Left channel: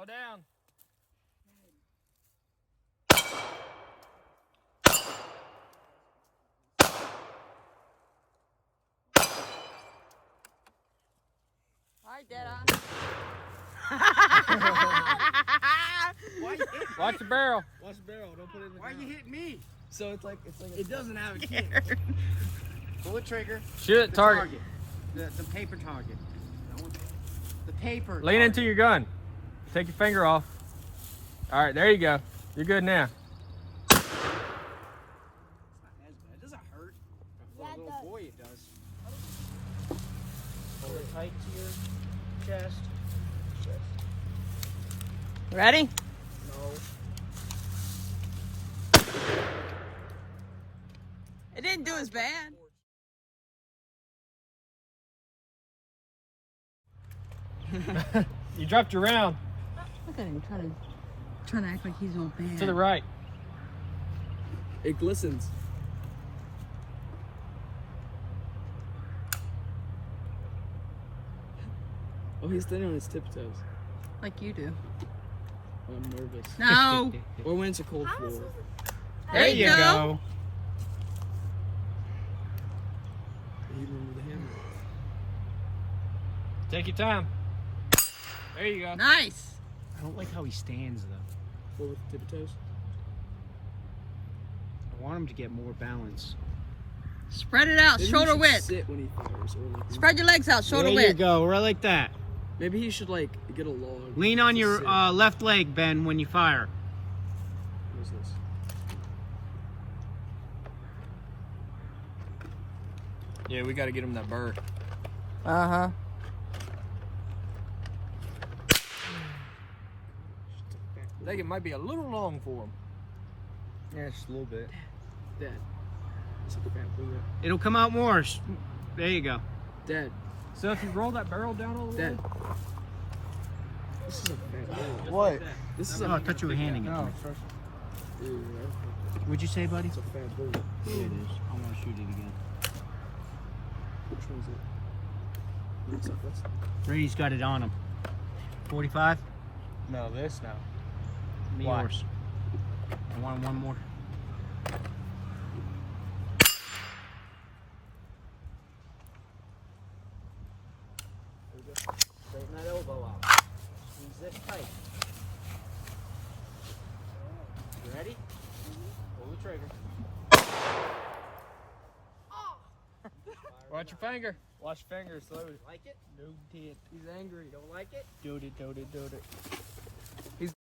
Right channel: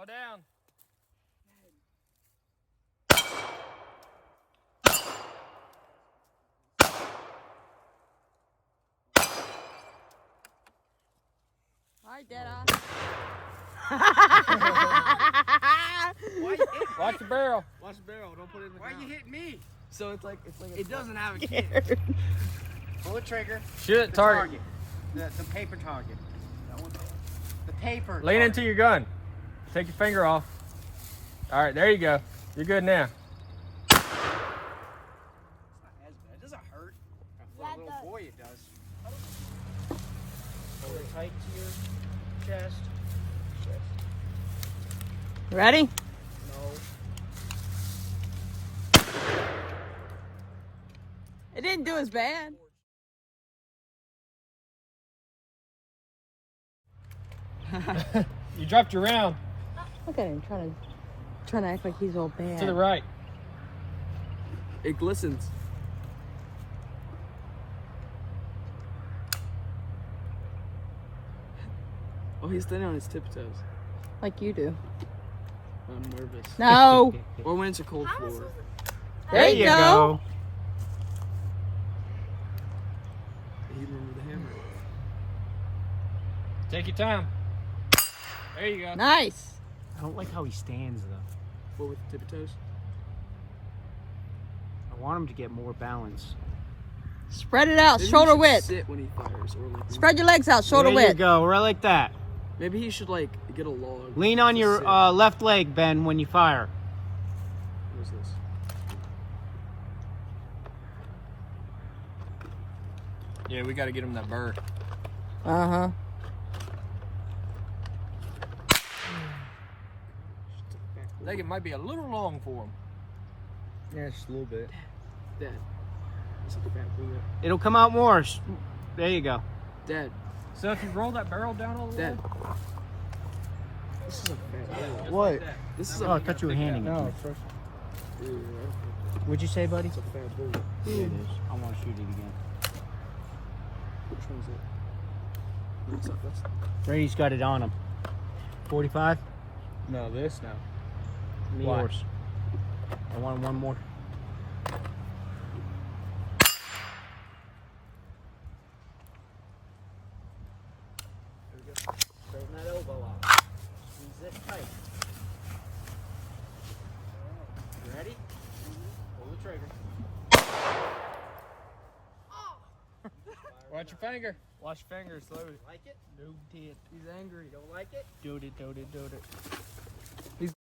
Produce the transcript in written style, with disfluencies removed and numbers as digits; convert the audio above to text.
Slow down. Why you hit me? Watch the barrel. Watch the barrel. Don't put it in the Why ground. you hit me? So it's like It doesn't have a kid. Pull the trigger. Shoot at The target. The paper target. That one. The paper. Lean target. into your gun. Take your finger off. All right, there you go. You're good now. It's not as bad. It doesn't hurt. For a little boy, it does. Hold it tight to your chest. Ready? No. It didn't do as bad. You dropped your round Look at him trying to act like he's all bad. to the right. It glistens. Oh, he's standing on his tiptoes. Like you do. I'm nervous. No. Or when it's a cold floor. There you go. He remembered the hammer. Take your time. There you go. Nice. I don't like how he stands though. What with the tiptoes? I want him to get more balance. Spread it out, Maybe he shoulder should width. Sit when he fires, or like Spread your legs out, shoulder there width. you go, right like that. maybe he should like get a log. Lean on to your sit. left leg, Ben, when you fire. What is this? Yeah, we got to get him that bird. Uh-huh. I think it might be a little long for him. Yeah, just a little bit. Dad. Let's look at that blue. It'll come out more. There you go. Dad. So if you roll that barrel down all the way. Dad. This is a bad bowl. What? This is Oh, I thought you were handing it. to me. first. Dude, What'd you say, buddy? it's a bad bowl. Here it is. I want to shoot it again. Which one is it? Brady's got it on him. 45? No, this now. Me Why? yours. I want one more. Straighten that elbow out. Squeeze this tight. You ready? Pull the trigger. Watch your finger. Watch fingers, slow. Like it? No, he's angry. You don't like it? Do it.